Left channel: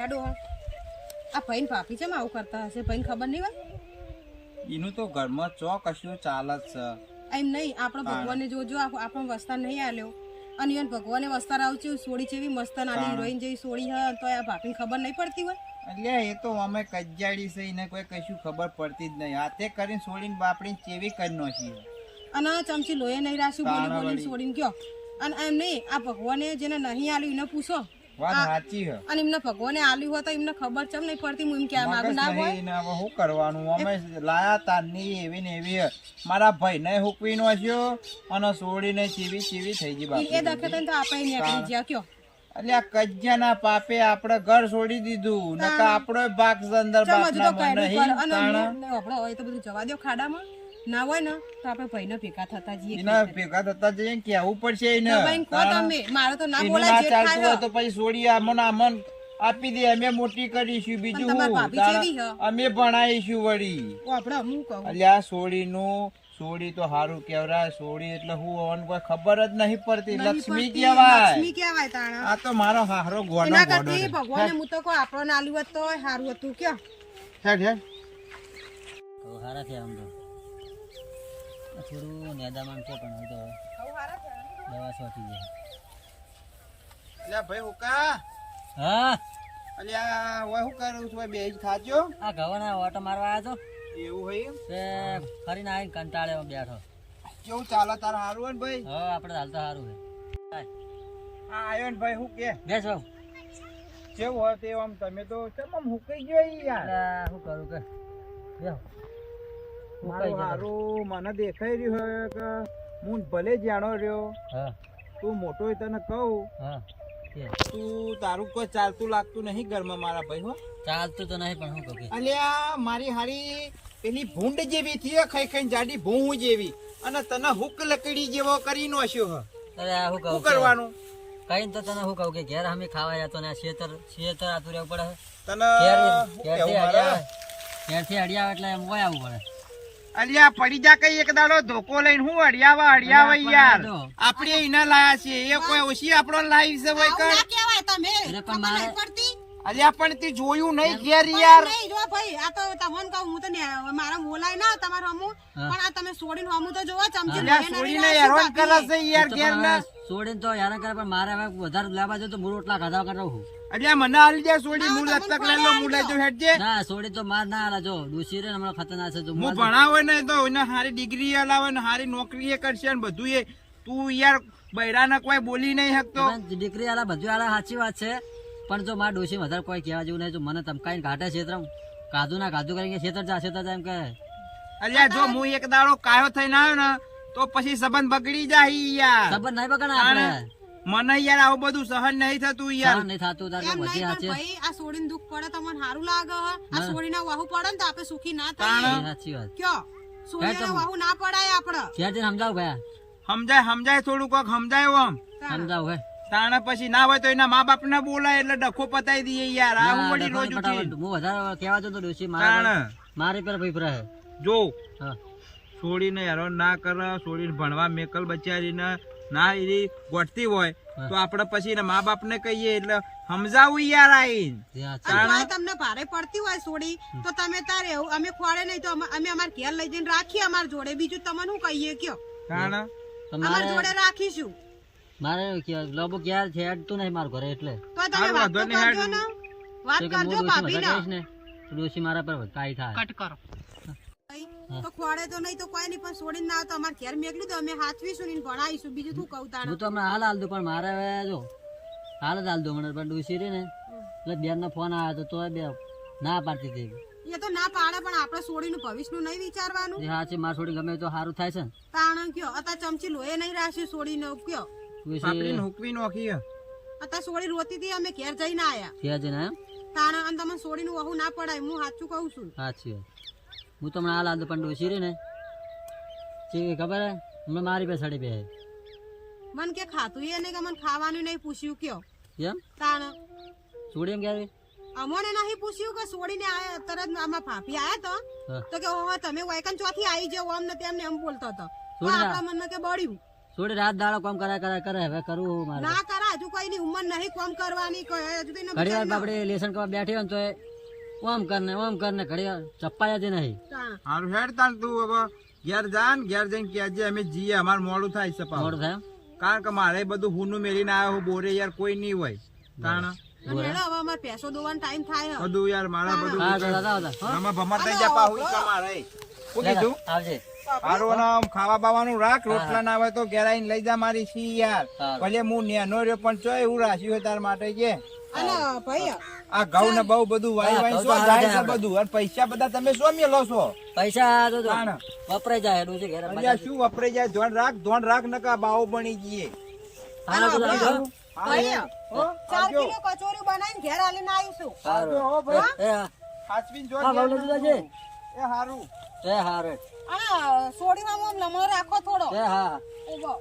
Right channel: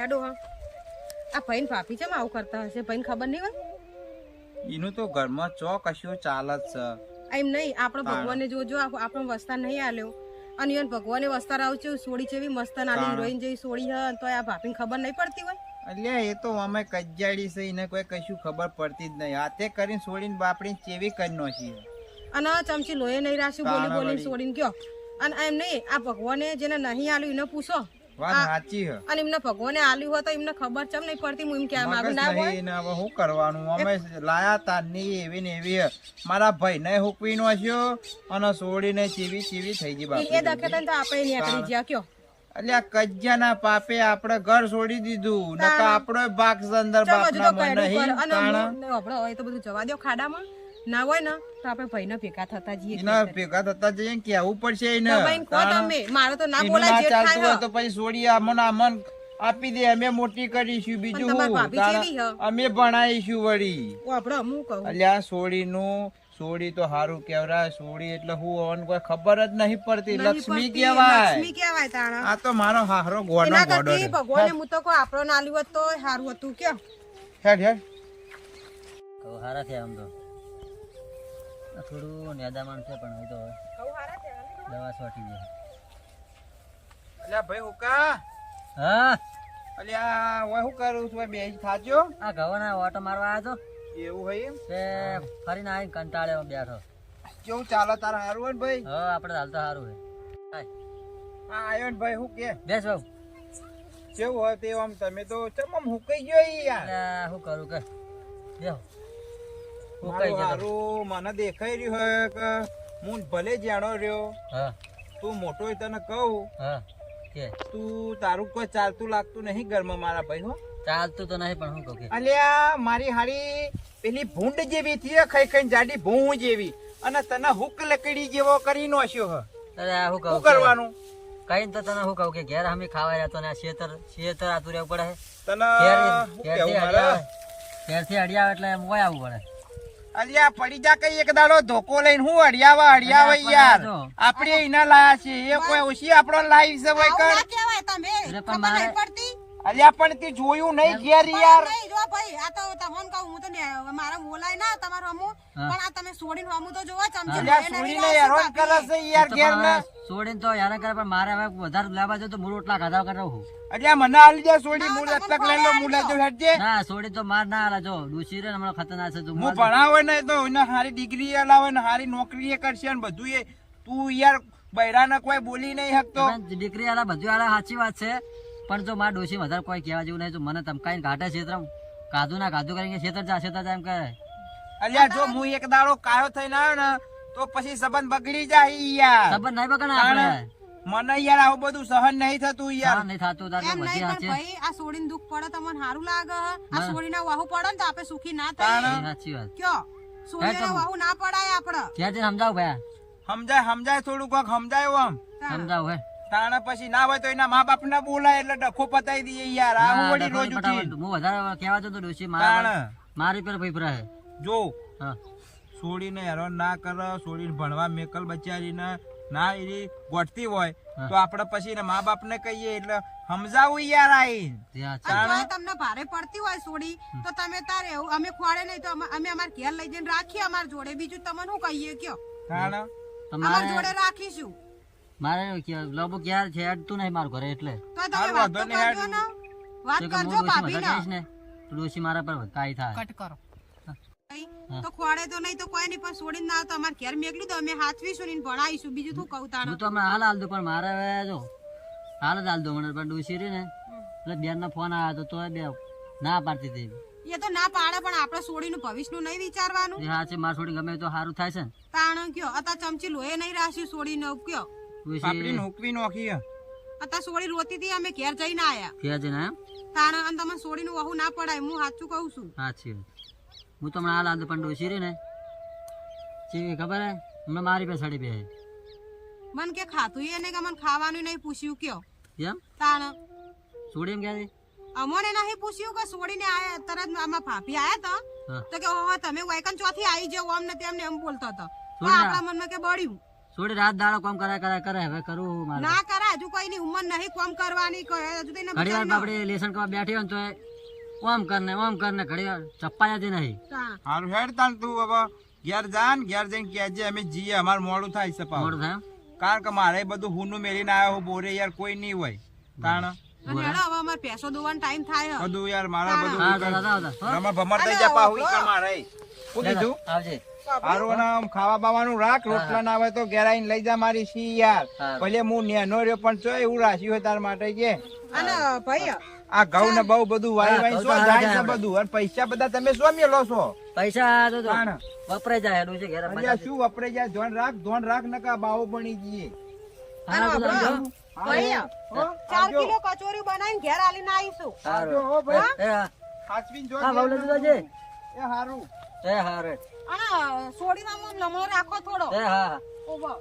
હેડો હા આ ભાઈ ભાભી ચમ આવું કરતા હશે? ભાઈ ખબર નહીં હોય? એનું તો ઘરમાં ચો કશું ચાલે જ છે. એમ નહીં આપણે ભગવાનને જોજો આપણો વસ્તાર નહીં આલ્યો. અને ઈવન ભગવાને વસ્તાર આવશે સોડી છે એવી મસ્ત નાની. હિરોઈન જેવી સોડી હ તો આ ભાભીને ખબર નહીં પડતી હોય? એટલે એ તો અમે કજ્જાડી છે એને કોઈ કશું ખબર પડતી જ નહીં. હાથે કરીને છોડીને બાપડીને ચેવી કરી નાખી અને આ ચમચી લોહી નહીં રાખ્યું બોલી બોલી. સોડીને કયો અને એમ નહીં આ ભગવાને જેને નહીં આલ્યું એને પૂછો. વાત સાચી હે અને એમને ભગવાને આલ્યું હોય તો એમને ખબર ચમ નહીં પડતી હું એમ કે મગજ ના હોય. ને હવે શું કરવાનું? અમે લાયા તારની એવી ને એવી મારા ભાઈ ને હુકવી નાખ્યો અને છોડીને ચીવી ચીવી થઈ ગઈ ઈ એ દખે તને તો આપણે આપણી જ્યા કયો. એટલે આ કજ્જાના પાપે આપણે ઘર છોડી દીધું. નકા આપણો ભાગ અંદર બાપના મન નહીં અને તાણા. આપણે હોય તો બધું જવા દો ખાડામાં. ના હોય ને તો આપણે ભાઈને ભેગા થતા જઈએ એના ભેગા થતા જઈએ કેવું પડશે એને. તમે મારો તો ના બોલાય ચાલતું હોય તો પછી છોડી મન આ મન આપી દે અમે મોટી કરીશું બીજું હું? અમે ભણાઈશું વળી. ઓ આપણે હું કહું. અલ્યા સોડીનું સોડી તો હારું કેવરાય સોડી એટલે હું હોવાનું કોઈ ખબર જ નહીં પડતી લક્ષ્મી કેવાય કહેવાય. લક્ષ્મી કહેવાય તાણા. આ તો મારો હારો ગોડો ગોડો છે. ભગવાને હું તો કોઈ આપણો નાલું હતો હારું સારું હતું કે. હેડ હેડ. હારા છે આમ તો. થોડું નેદામણ છે પણ હવે તો દવા છોટી જાય અલ્યા ભાઈ હુકા હા? અલ્યા હું શું કરું છું? બે જ ખાજો. આ ગવાના ઓટો મારવા આવ્યો એવું હોય એમ? તો ફરીને આવીને કંટાળે બેઠો. કેવું ચાલે તારે સારું હોય ને ભાઈ? હા આપણે હાલ તો સારું છે. હા આવ્યો ને ભાઈ હું કે? બેસ બાબુ કેવું હોય તે આમ? તમે તો ચમમ હુકાઈ ગયો યાર. શું કરું કે બેહો. હું કઈ મારું જતો. મને દેખાઈ રહ્યું હોય કે હું ભલે જાણો રહ્યો હા. તું મોટો હોય તને કહું હા. કે? તું તારું કોઈ ચાલતું લાગતું નહીં ઘરમાં મારા ભાઈ હો. ચાલતું તો નહીં પણ હું કહું કે? અલ્યા મારી હારી પેલી ભૂંડ જેવી થી ખાઈ ખાઈ જાડી ભૂં જેવી. અને તને હુક લકડી જેવો કરી નોશ્યો હ. અરે હું કહું કરવાનું? કઈ તો તને શું કહું કે ઘેર અમે ખાવા જતો ને શેતર શેતર આતું રહેવું પડે તને ઘેર ઘેરથી કહેવું અડી મારે? આવે. ઘેરથી અડી એટલે એમ હોય આવવું પડે. અલ્યા પડી જા કઈ એક દાડો ધોકો લઈને હું અડિયાવા અડિયાવા યાર. આપણે એના લાયા છે એ કોઈ ઓછી આપણો લાઈફ છે ભાઈ કણ? તમે. પણ મારે- પડતી. અલ્યા પણ તે જોયું નહીં ઘેર યાર. નહીં જો ભાઈ આ તો તમને કહું હું તો ને- મારા બોલાય ના તમારો અમુ. પણ આ તમે છોડીને અમુ તો જોવા ચમચી છોડીને હેરાન કરે છે યાર ઘેર ને છોડીને તો હેરાન કરે પણ મારે હવે વધારે લાવા જો તો મૂળ રોટલા ખાધા કરાવું હું. એટલે મને આલી જાય સોડી મૂળ લતક લઈ લો મૂળ લઈ હેડજે. ના સોડી તો માર ના હાલે જો ડૂસી રે ને હમણાં ખતરનાક છે જો હું ભણાવે નહીં તો એને સારી ડિગ્રી લાવે ને સારી નોકરી એ કરશે ને બધું એ. તું યાર બૈરાને કોઈ બોલી નહીં શકતો. ડિગ્રી દીકરી આલા બધું આલા સાચી વાત છે. પણ જો મારા ડોસી વધારે કોઈ કહેવા જેવું નહીં જો મને ધમકાઈને ઘાટે ક્ષેત્ર કાધું ના કાધું કરીને છેતર જા છેતર જા એમ કહે. અલ્યા જો હું એક દાડો કાયો થઈને આવ્યો ને તો પછી સંબંધ બગડી જાય યાર. ખબર નહીં બગડે આપણે. મને યાર આવું બધું સહન નહીં થતું યાર. નહીં થતું તારે બધી સાચી ભાઈ આ છોડીને દુઃખ પડે તો મને સારું લાગે. હે. આ છોડીને વાહુ પડે ને તો આપણે સુખી ના થાય સાચી વાત. કયો? છોડીને તો- વાહુ ના પડાય આપણે. ઘેર જઈને સમજાવ ભાઈ? સમજાય સમજાય થોડું કોક સમજાય આમ. સમજાવ હે. તાણે પછી ના હોય તો એના મા બાપ ને બોલાય એટલે ડખો પતાવી દઈએ યાર. આ વળી રોજ ઉઠી. હું વધારે કહેવા જતો ડોસી મારા મારી પર ભાઈ ભરા જો હા. છોડીને હેરાન ના કરે છોડીને ભણવા મેકલ બચારીને ના એની ગોઠતી હોય તો આપણે પછી એના મા બાપ ને કહીએ એટલે સમજાવું યાર એ તોય તમને ભારે પડતી હોય છોડી તો તમે તારે એવું અમે ખોડે નહીં તો અમે અમે અમાર ઘેર લઈ જઈને રાખીએ અમાર જોડે. બીજું તમને શું કહીએ કયો? અમાર જોડે રાખીશું. મારે લબો લોબો ક્યારે છે અડતું નહીં મારું ઘરે એટલે. ડોસી મારા પર કાંઈ થાય. કટ કરો. તો ખોડે તો નહીં તો કોઈ નહીં પણ છોડીને ના તો અમાર ઘેર મેકલું તો અમે હાથવીશું ને ભણાવીશું. બીજું શું કહું તાણ? હું તો હમણાં હાલ હાલ દો પણ મારે હવે જો હાલ જ હાલ દો મને પણ ડોશી રે ને એટલે બેન નો ફોન આવ્યો તો તોય બે ના પાડતી હતી. એ તો ના પાડે પણ આપણે છોડીનું ભવિષ્યનું નહીં વિચારવાનું. એ હા છે માર છોડી ગમે તો સારું થાય છે ને. તાણ કયો અત્યારે ચમચી લોહી નહીં રાખ્યું છોડીને કયો. ડોસી હુકવી નોખી અતા છોડી રોતી હતી અમે ઘેર જઈને આયા. થયા છે ને તાણ અને તમે છોડીનું વહુ ના પડાય હું સાચું કહું છું. સાચી હું તો હાલ હાલ પણ ડોસી રહી ને. છે ખબર હે? હમણાં મારી પાસે સડી બે મન કે ખાતું એને કે મને ખાવાનું નહીં પૂછ્યું કયો. એમ તાણ. એમ અમોને નહીં પૂછ્યું કે છોડીને આયા તરત આમાં ભાભી આયા તો? તો કે ઓહો તમે વાયકન ચોથી આવી જાવ આમ ને તેમને એમ બોલતો હતો. મન આપણા મનમાં કે બળ્યું. છોડી રાત દાડો કામ કરાય કરાય કરે હવે કરવું મારે? ના કરે હજુ કોઈની ઉંમર નહીં કોમ કરવાની કોઈ હજુ તો ઘડી વાર બચાવી લેસન કરવા બેઠી હોય તો એ ઓમ કરને ઓમ કરને ઘડી વાર ચપ્પા જતી નહીં. હા. હારું હેડ તાન તું બાબા ઘેર જાન ઘેર જઈને કહેજે અમે જીએ અમારે મોડું થાય છે. મોડું થાય કારણ કે મારે બધું હુનું મેળીને આવ્યો હું બોરે યાર કોઈ નહીં હોય. કારણ? પેસો દોવાનો ટાઈમ થાય. બધું યાર મારા બધું ભમર થઈ કીધું આવજે. હારું નામ ખાવા બાવાનું રાખ રોટલા ના હોય તો ઘેર આવીને લઈ જા મારી સી યાર. ભલે હું નેનો રહ્યો પણ ચો એવું રાખ્યું હોય તાર માટે કે આ ઘઉં ને બહુ બધું વાય વાય શું જાય છે બધું? અને પૈસા બધા તમે શું લો છો? પૈસા તો વપરાય જાય એનું છે ઘેર શું વપરાય જાય? ધોન રાખ ધોન રાખ નકા બાવો બની જઈએ હા તો હો, ચાર કિલો કચોરી બનાવીને ઘેર આલીને આવીશું. આવજો, હો ભાઈ. એ હા હાચવીને જો હા, બાવલા જુદા છે. એ હારું. એ હારે. આ સોડી સામે આમ લમણો રાખો થોડો. એ હા ઊભો.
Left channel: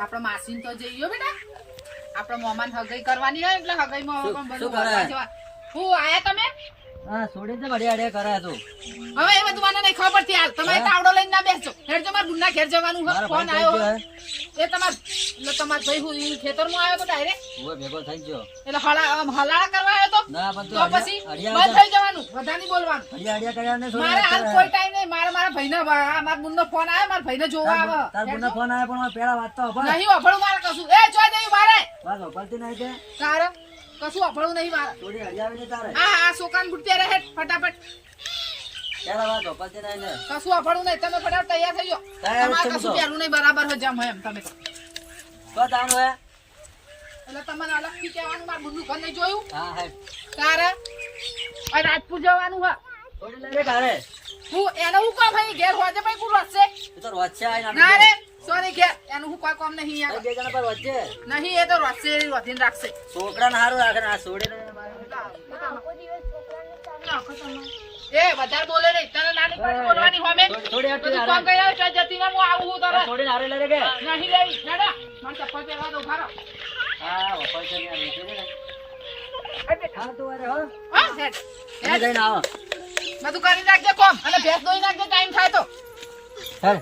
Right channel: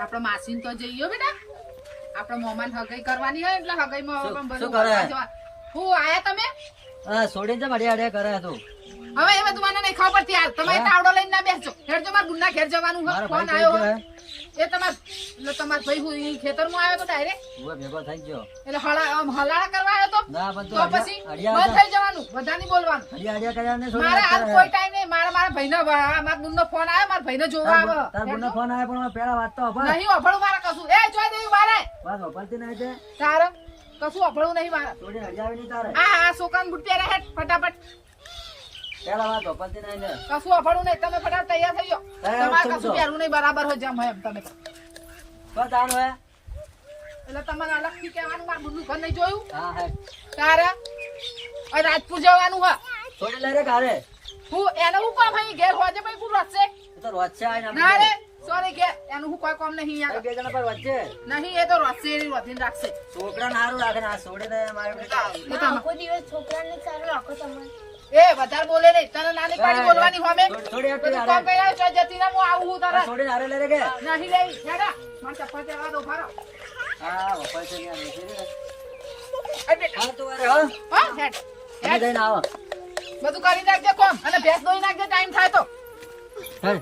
આપણો માસીન તો જઈએ બેટા. આપણો મોમાન હગાઈ કરવાની હોય એટલે હગાઈમાં પણ શું બધું કરે? હું આયા તમે? હા છોડીને તો અડ્યા અડ્યા કરે તું. હવે એ બધું મને નહીં ખબર પડતી હાલ તમારે તાવડો લઈને ના બેસજો. હેડજો મારા બુનના ઘેર જવાનું હોય ફોન આવ્યો એ તમાર એટલે તમાર ભાઈ હું ઈ ખેતરમાં આવ્યો તો ડાયરેક્ટ હું ભેગો થઈ ગયો. એટલે હળા આમ હલાળા કરવા આવ્યો તો? ના તો પછી બંધ થઈ જવાનું. બધા નહીં બોલવાનું. અડ્યા અડ્યા કર્યા ને મારે હાલ કોઈ ટાઈમ નહીં. મારા મારા ભાઈનો મારા બુનનો ફોન આવ્યો મારા ભાઈને જોવા આવે તાર બુનનો ફોન આવ્યો પણ પેલા વાત તો અભળ. નહીં અભળું મારે કશું. એ જોઈ દઈ મારે. વાત અભળતી નહીં તે. તારે કશું અભળું નહીં મારે. છોડી અડ્યાવી નહીં તારે. આ આ છોકરાને બુટ પહેરે ફટાફટ. પેલા વાત નહીં ને. કશું અફાડું નહીં તમે ફટાફટ તૈયાર થઈ જાઓ. તમારે કશું પહેરવું નહીં બરાબર હોય જેમ હોય એમ તમે તો. તો તાન હોય એટલે તમને અલગથી કહેવાનું મારું બુનનું ઘર નહીં જોયું? હા હે. તારે? આ રાજપુર જવાનું હા. છોડી લઈ રે હું એને હું કામ હોય ઘેર પછી વધશે તો આવીને ના રે. એનું હું કોઈ કામ નહીં બે જણા પર વચ્ચે નહીં એ તો વધશે એ રાખશે. છોકરાને હારું રાખે ને આ છોડીને મારું. એ આખો દિવસ છોકરાને ચાલો આખો તમારે એ વધારે બોલે નહીં તને નાની પાડી બોલવાની હોમે? થોડી- જતી ને હું આવું હું આ છોડીને હારે લઈ રે કે? નહીં લેવી. હેડો મને ચપ્પલ પહેરવા દો ભારો હા વપાય છે ત્યાં બેસી રે ને. એટલે હાલ તું હારે, હા? હા હેડ. હેડ. જઈને આવો. બધું કરી નાખજે કોમ અને ભેંસ દોઈ નાખજે ટાઈમ થાય તો. હેલ.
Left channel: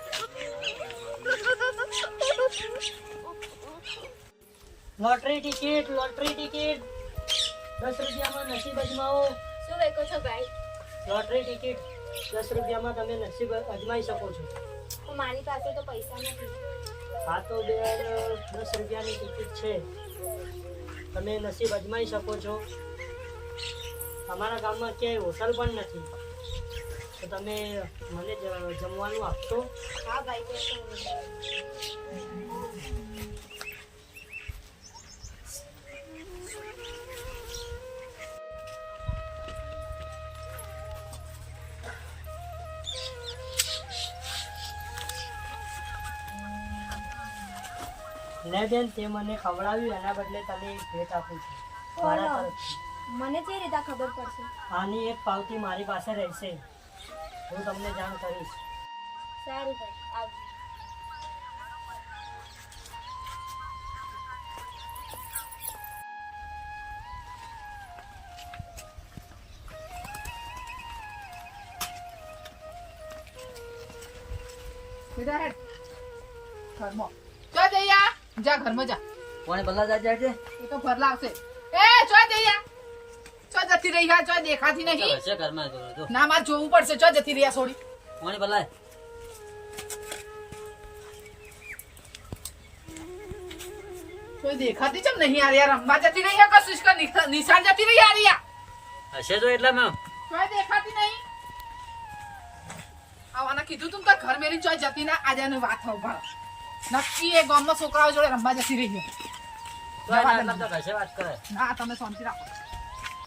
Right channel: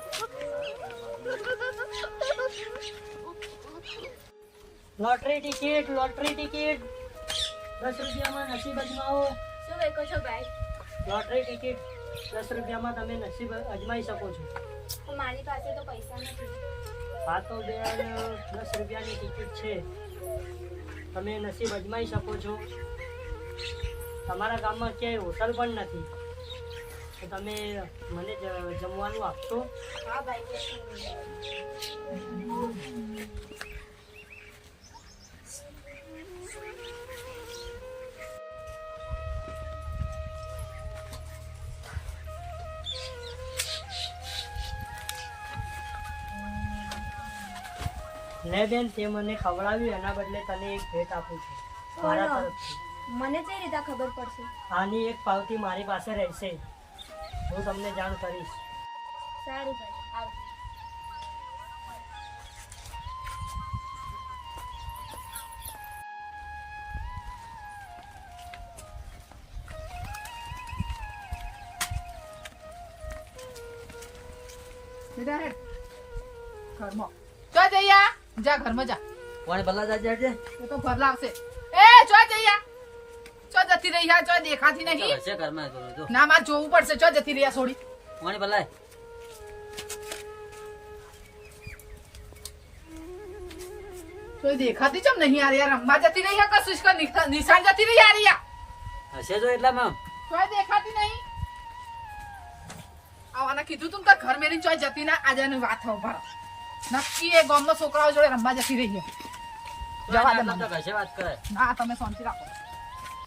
Lottery ticket lottery ticket. દસ રૂપિયામાં નસીબ અજમાવો. શું વેકો છો ભાઈ? લોટરી ટિકિટ દસ રૂપિયામાં તમે નસીબ અજમાઈ શકો છો. મારી પાસે તો પૈસા નથી. હા તો બેન દસ રૂપિયાની ટિકિટ છે. તમે નસીબ અજમાઈ શકો છો. તમારા ગામમાં ક્યાંય હોટલ પણ નથી. તો તમે મને જમવાનું આપશો? હા ભાઈ લે બેન તે મને ખવડાવ્યું એના બદલે તને એક ભેટ આપું છું. મારા તરફથી. મને કઈ રીતે ખબર પડશે? આની એક પાવતી મારી પાસે રહેશે. હું તમને જાણ કરીશ. સારું ભાઈ આવજો સીધા હેડ ઘરમાં. ચો જઈયા જા ઘરમાં જા. કોને બદલા જાય જાય છે એ તો ભર લાગશે. એ ચો જઈયા ચો જતી રહી હા ચો દેખાતી નહીં. છે ઘરમાં જો ના માર જોવું પડશે. ચો જતી રહ્યા છોડી. કોને બદલાય કોઈ દેખાતી ચમ નહીં આ રહ્યા? રમવા જતી રહી હા કશું કે નિશાન જતી રહી આ રહ્યા? હશે તો એટલા માં કોઈ દેખાતી નહીં. આવવાના કીધું તું તો ઘર મેરી ચોય જતી ના આજે વાત હો ભાર. નક્કી એ ગામના છોકરાઓ જોડે રમવા જતી રહી છે. ના તમે શાંતિ રાખો.